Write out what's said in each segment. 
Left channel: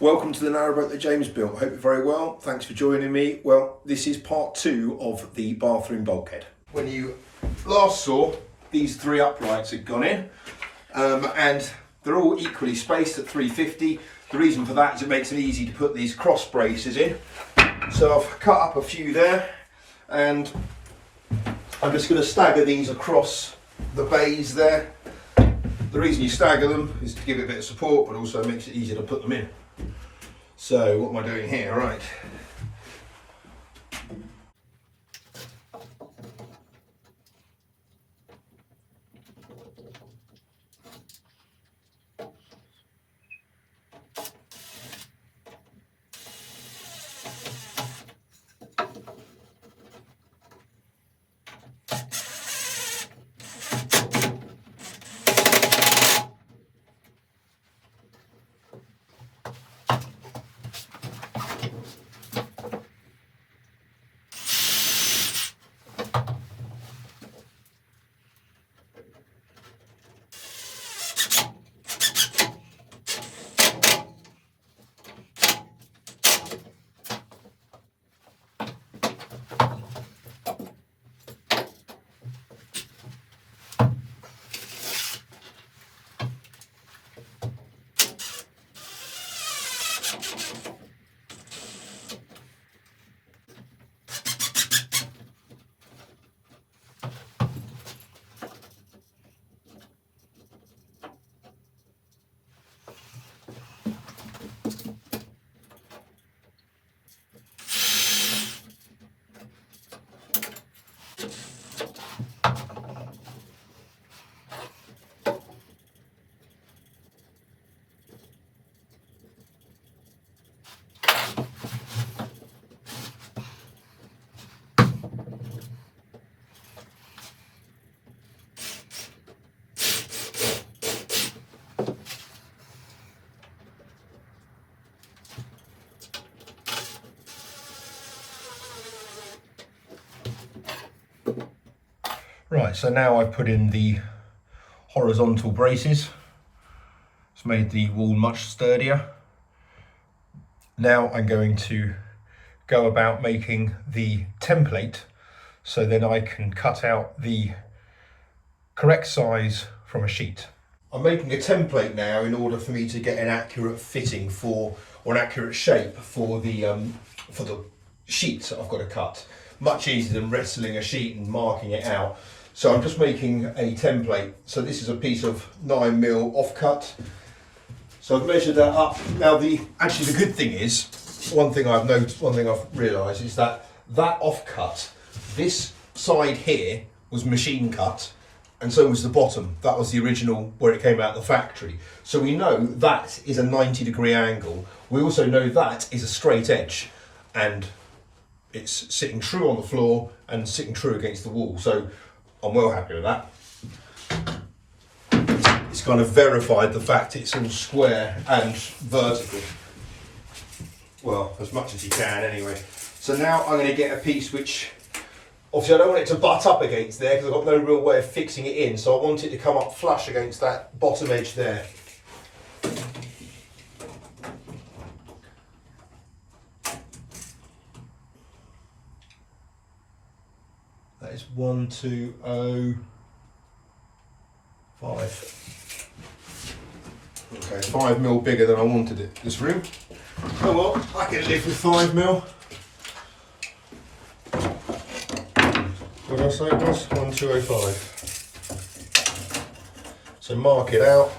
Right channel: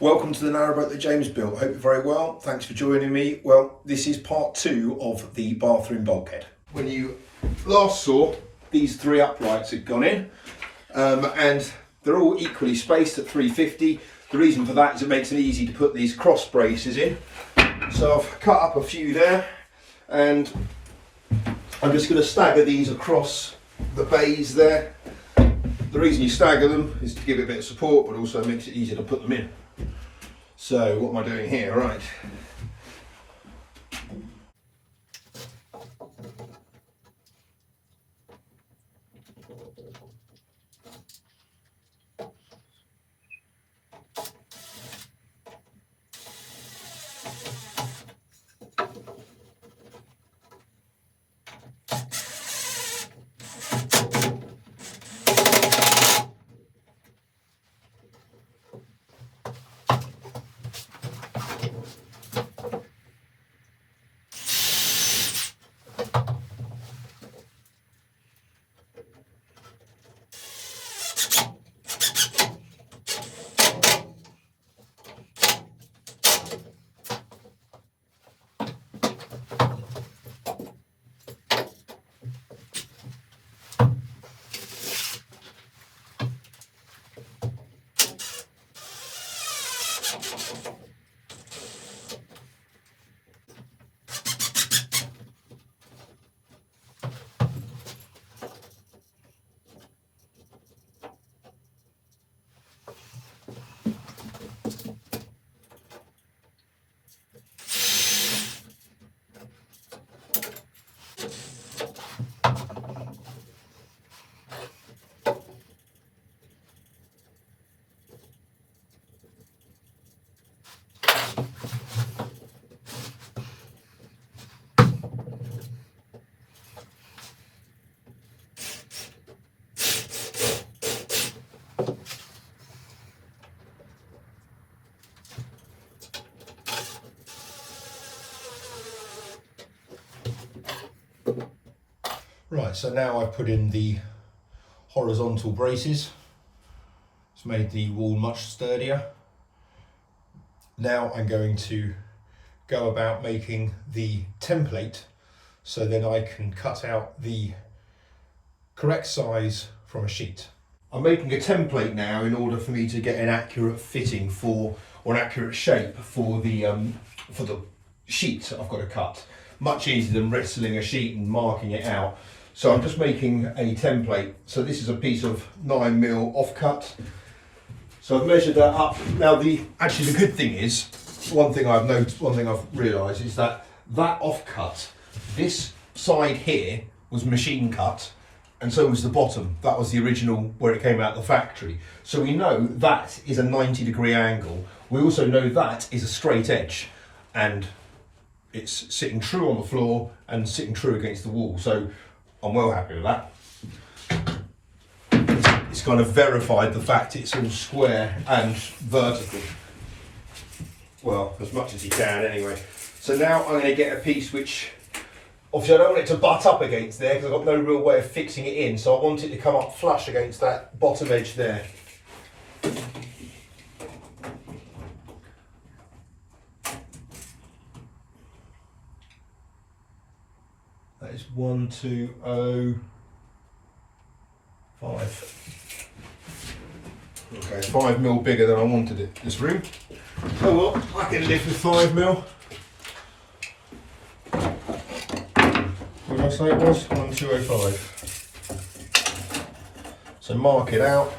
Welcome to the Narrowboat that James built. Hope you're very well. Thanks for joining me. Well, this is part 2 of the bathroom bulkhead. When you last saw, these 3 uprights had gone in and they're all equally spaced at 350. The reason for that is it makes it easy to put these cross braces in. So I've cut up a few there and I'm just going to stagger these across the bays there. The reason you stagger them is to give it a bit of support, but also makes it easier to put them in. So what am I doing here? Right. Right, so now I've put in the horizontal braces. It's made the wall much sturdier. Now I'm going to go about making the template so then I can cut out the correct size from a sheet. I'm making a template now in order for me to get an accurate fitting or an accurate shape for the sheet I've got to cut. Much easier than wrestling a sheet and marking it out. So I'm just making a template. So this is a piece of 9mm offcut. So I've measured that up. Now actually the good thing is, one thing I've realised is that offcut, this side here was machine cut, and so was the bottom. That was the original where it came out of the factory. So we know that is a 90-degree angle. We also know that is a straight edge, and it's sitting true on the floor and sitting true against the wall. So I'm well happy with that. It's kind of verified the fact it's all square and vertical. Well, as much as you can anyway. So now I'm going to get a piece which, obviously I don't want it to butt up against there because I've got no real way of fixing it in. So I want it to come up flush against that bottom edge there. That is 1205. Okay, 5mm bigger than I wanted it, this room. Oh well, I can live with 5mm. What did I say it was? 1205. So mark it out.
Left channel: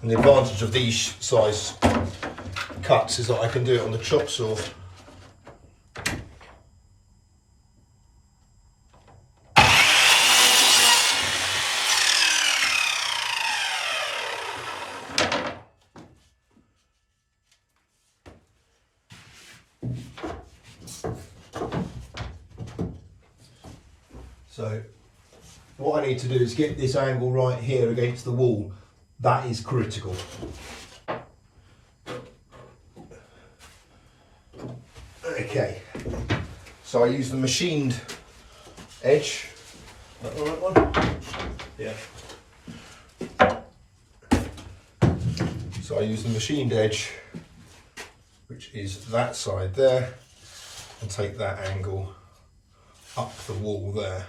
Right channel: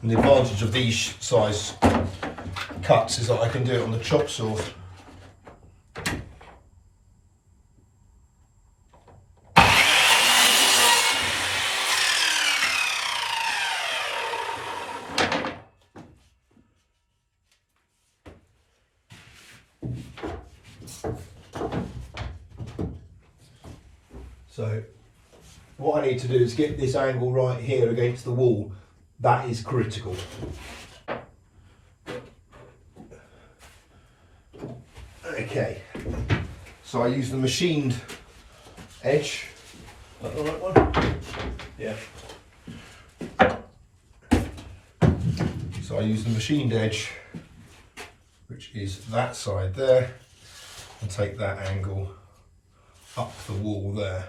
And the advantage of these size cuts is that I can do it on the chop saw. So what I need to do is get this angle right here against the wall. That is critical. Okay, so I use the machined edge. Is that the right one? Yeah. So I use the machined edge, which is that side there, and take that angle up the wall there.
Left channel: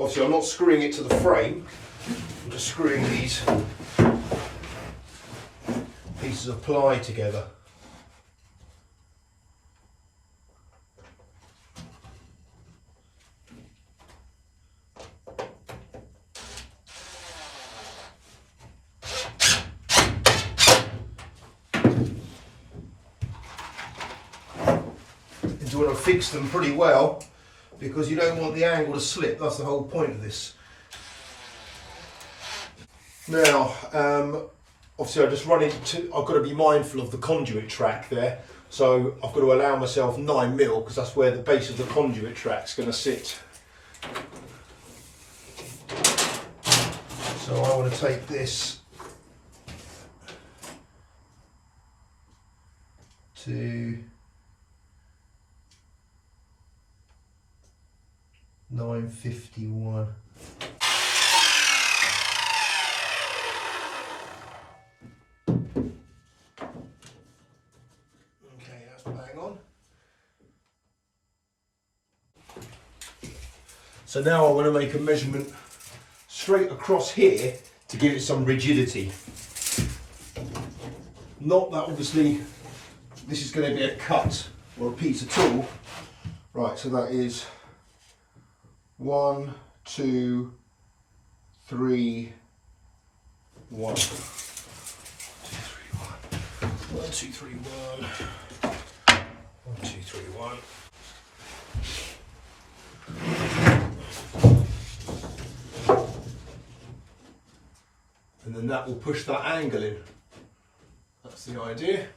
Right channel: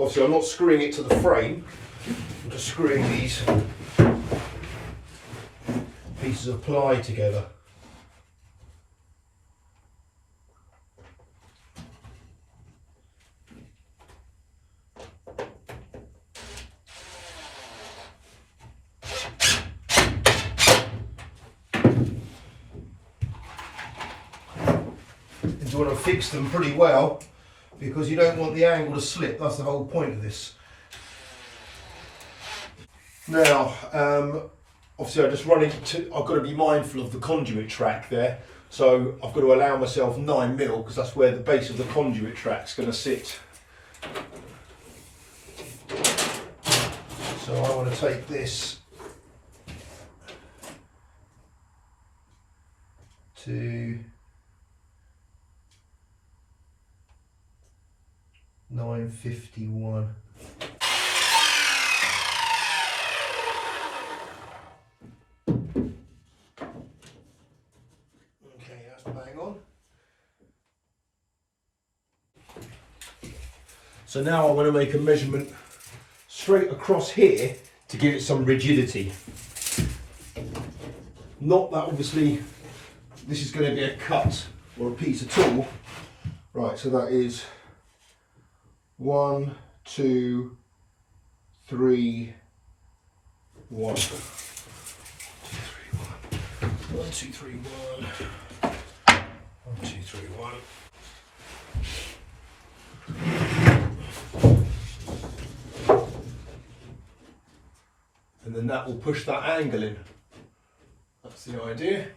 Obviously I'm not screwing it to the frame, I'm just screwing these pieces of ply together. And you want to fix them pretty well, because you don't want the angle to slip. That's the whole point of this. Now, obviously I just run into, I've got to be mindful of the conduit track there. So I've got to allow myself 9mm, because that's where the base of the conduit track's going to sit. So I want to take this to 951. Okay, that's bang on. So now I want to make a measurement straight across here to give it some rigidity. Not that obviously this is going to be a cut or a piece at all. Right, so that is 1, 2, 3, 1. 1, 2, 3, 1. 1, 2, 3, 1. And then that will push that angle in. That's the idea.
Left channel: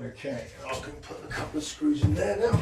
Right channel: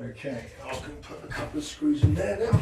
Okay, I can put a couple of screws in there now.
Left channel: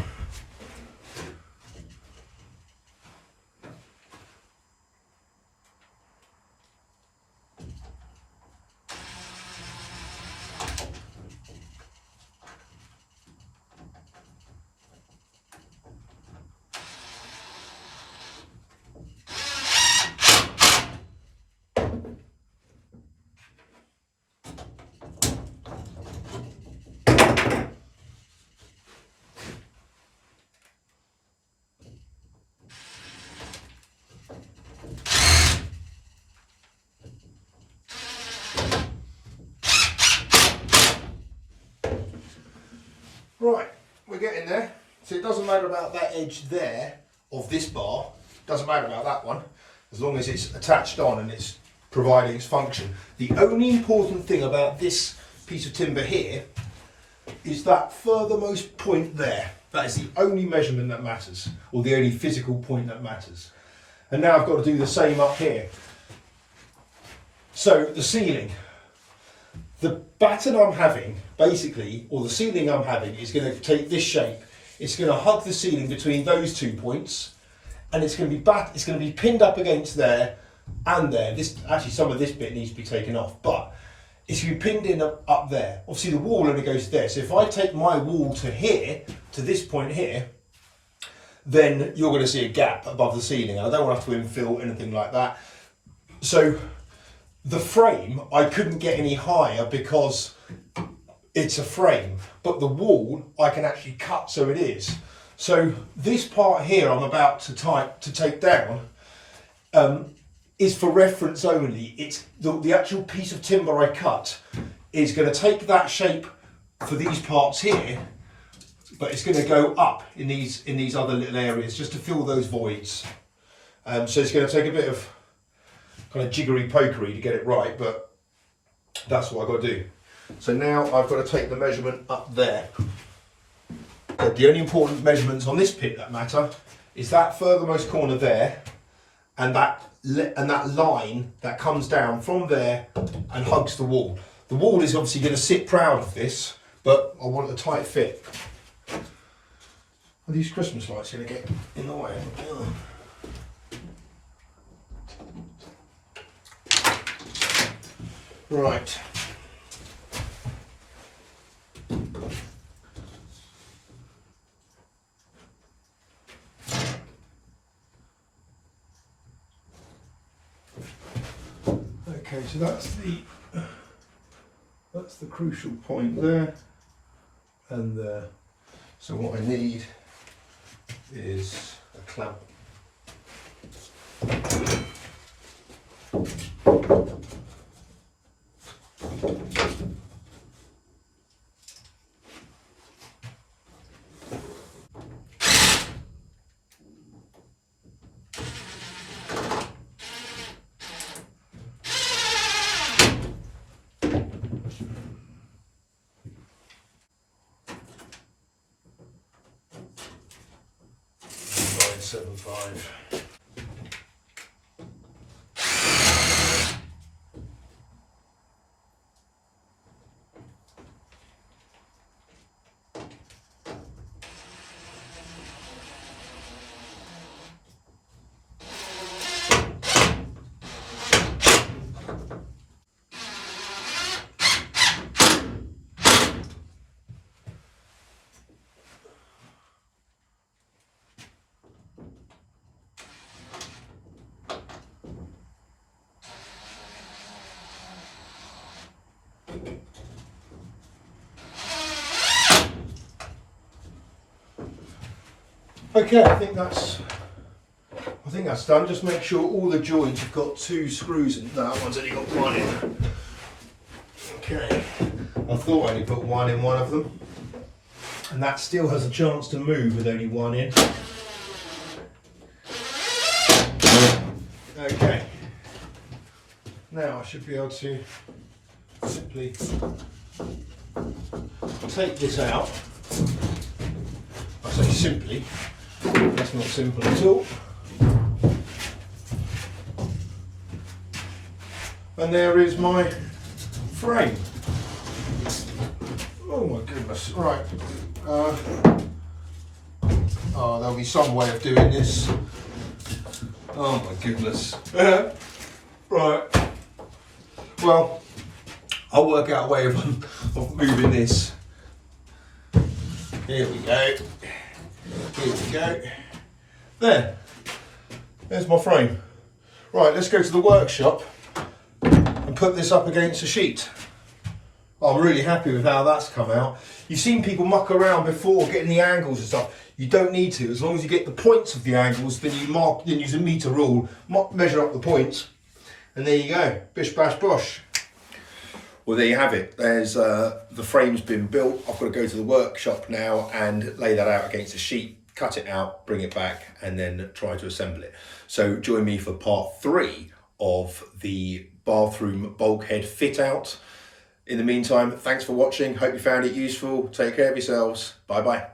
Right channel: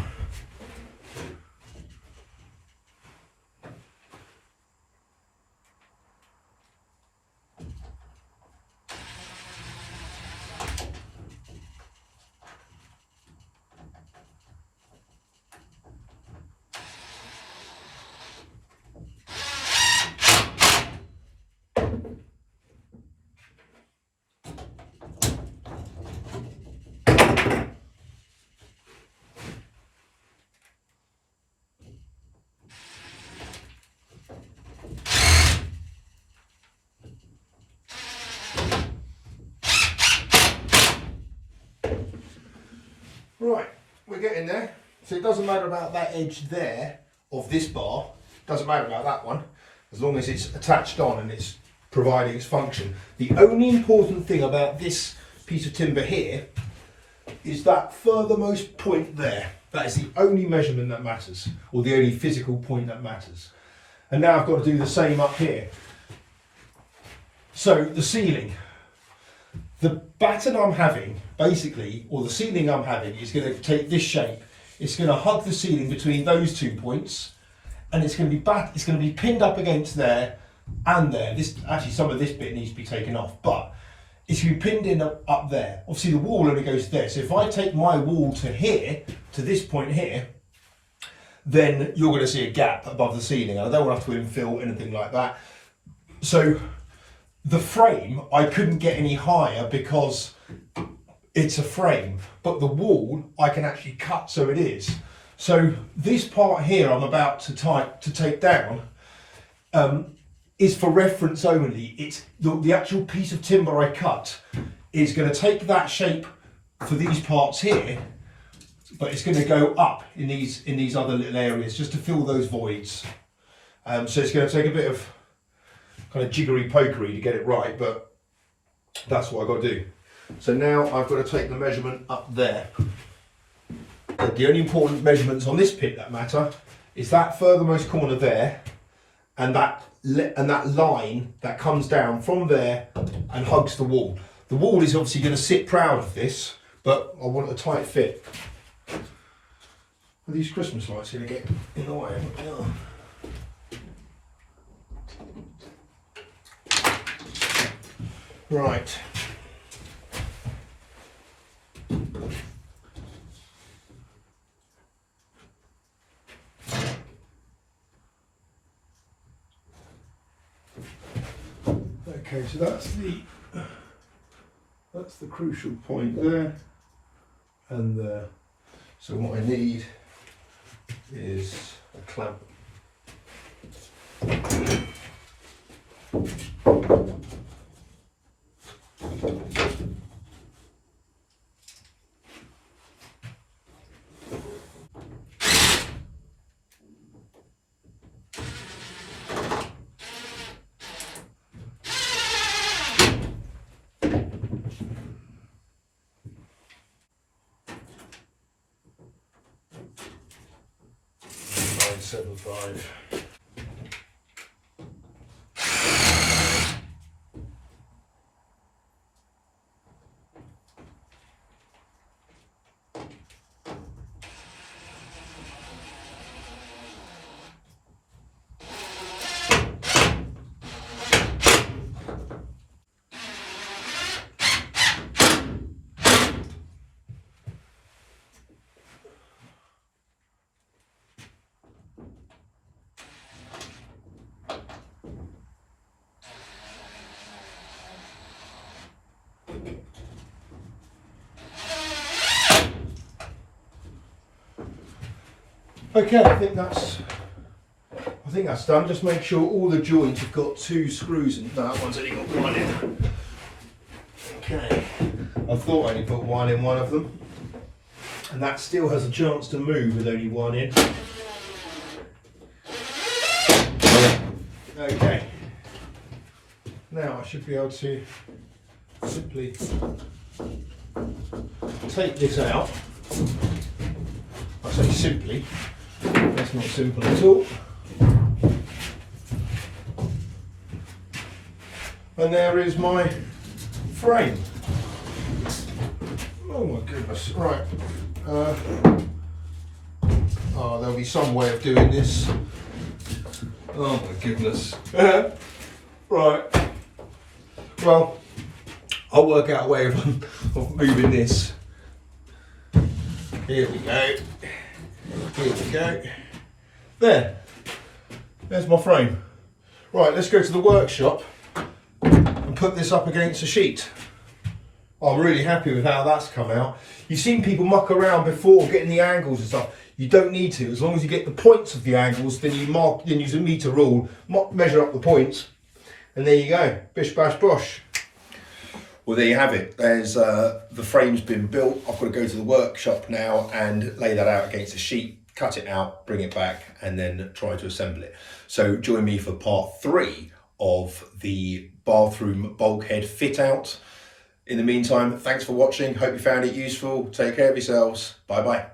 Right, we're getting there. So it doesn't matter about that edge there of this bar, doesn't matter about that one, as long as it's attached on and it's providing its function. The only important thing about this piece of timber here is that furthermost point there. That is the only measurement that matters, or the only physical point that matters. And now I've got to do the same up here. So the ceiling. The pattern I'm having, basically, or the ceiling I'm having, is going to take this shape. It's going to hug the ceiling between those 2 points, and it's going to be pinned up against there and there. This actually, some of this bit needs to be taken off, but it's going to be pinned in up there. Obviously, the wall only goes there. So if I take my wall to here, to this point here, then you're going to see a gap above the ceiling. I don't want to have to infill anything like that. So the frame, I couldn't get any higher because it's a frame, but the wall I can actually cut so it is. So this part here I'm about to take down is for reference only. It's the actual piece of timber I cut is going to take that shape for these parts here, but it's going to go up in these other little areas just to fill those voids. So it's going to take a bit of kind of jiggery pokery to get it right, but that's what I've got to do. So now I've got to take the measurement up there. But the only important measurements on this pit that matter is that furthermost corner there, and that line that comes down from there and hugs the wall. The wall is obviously going to sit proud of this, but I want a tight fit. Are these Christmas lights going to get in the way? Right. Okay, so that's the crucial point there, and so what I need is a clamp. $9.75. Okay, I think that's done. Just make sure all the joints have got 2 screws in. No, that one's only got 1 in. Okay, I thought I only put 1 in one of them, and that still has a chance to move with only 1 in. Okay, now I should be able to simply take this out. I say simply, that's not simple at all. And there is my frame. Oh my goodness, right. Oh, there'll be some way of doing this. Oh my goodness. Right. Well, I'll work out a way of moving this. Here we go. Here we go. There. There's my frame. Right, let's go to the workshop and put this up against a sheet. I'm really happy with how that's come out. You've seen people muck around before getting the angles and stuff. You don't need to. As long as you get the points of the angles, then then use a meter rule, measure up the points, and there you go. Bish bash bosh. Well, there you have it. There's the frame's been built. I've got to go to the workshop now and lay that out against a sheet, cut it out, bring it back, and then try to assemble it. So join me for part 3 of the bathroom bulkhead fit out. In the meantime, thanks for watching. Hope you found it useful. Take care of yourselves. Bye bye.